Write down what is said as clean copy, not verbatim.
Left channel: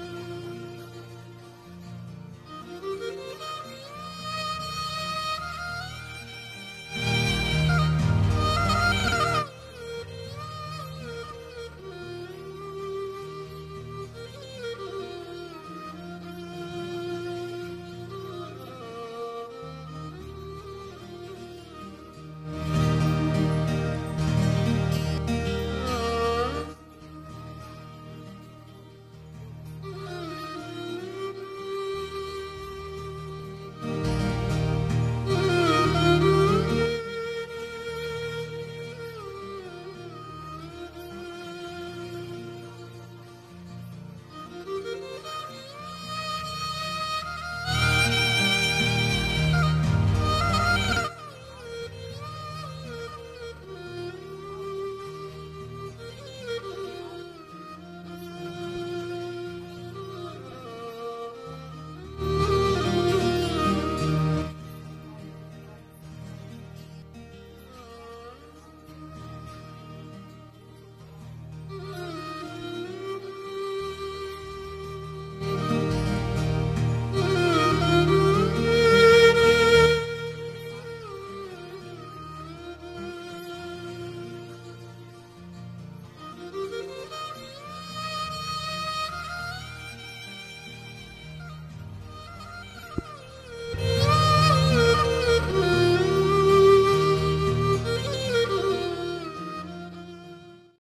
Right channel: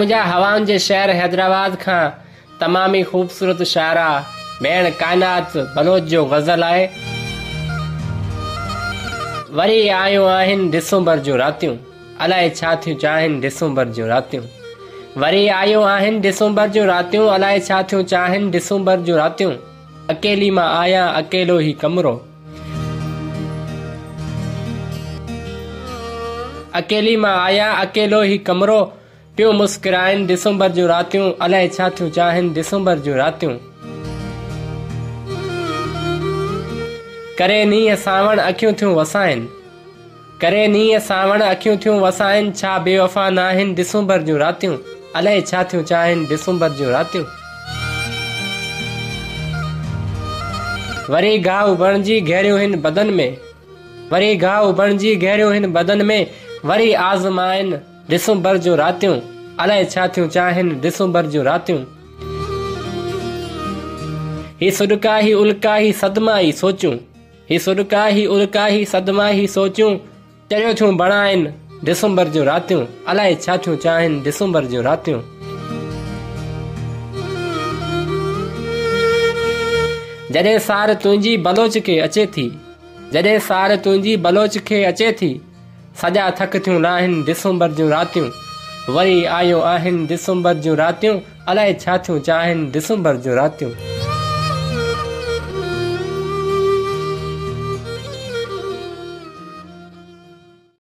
मुझा हवाउन जे शहर हैदराबाद का तमामी खूबसूरत शायरा भेण कायनात बलोच जो गज़ल आए। वरी आयो आहिन दिसंबर जो रातियों, अलाए छा थियो चाहन दिसंबर जो रातियों। वरी आयो आहिन दिसंबर जो रातियों, अलाए छा थियो चाहन दिसंबर जो रातियों। अकेली मां आया अकेलो ही कमरो, अकेली मां आया अकेलो ही कमरो। पियो मुस्कुराइन दिसंबर जो रातियों, अलाए छा थियो चाहन दिसंबर जो रातियों। करे नीह सावण अखियूं थियूं वसाइन, करे नीह सावण अखियूं थियूं वसाइन। छा बेवफा नाहिन दिसंबर जो रातियों, अलाए छा थियो चाहन दिसंबर जो रातियों। वरी घाव बणजी गहरियूं हिन बदन में, वरी घाव बणजी गहरियूं हिन बदन में। वरी आज़माइन दिसंबर जो रातियों, अलाए छा थियो चाहन दिसंबर जो रातियों। ही सुडका ही उल्का ही सदमा ही सोचूं, ही सुडका ही उल्का ही सदमा ही सोचूं। चढ़ियो थियूं बणाइन दिसंबर जो रातियों, अलाए छा थियो चाहन दिसंबर जो रातियों। जॾहिं सार तुंहिंजी बलोच खे अचे थी, जॾहिं सार तुंहिंजी बलोच खे अचे थी। सॼा थक थियूं लाहिन दिसंबर जो रातियों। वरी आयो आहिन दिसंबर जो रातियों, अलाए छा थियो चाहन दिसंबर जो रातियों।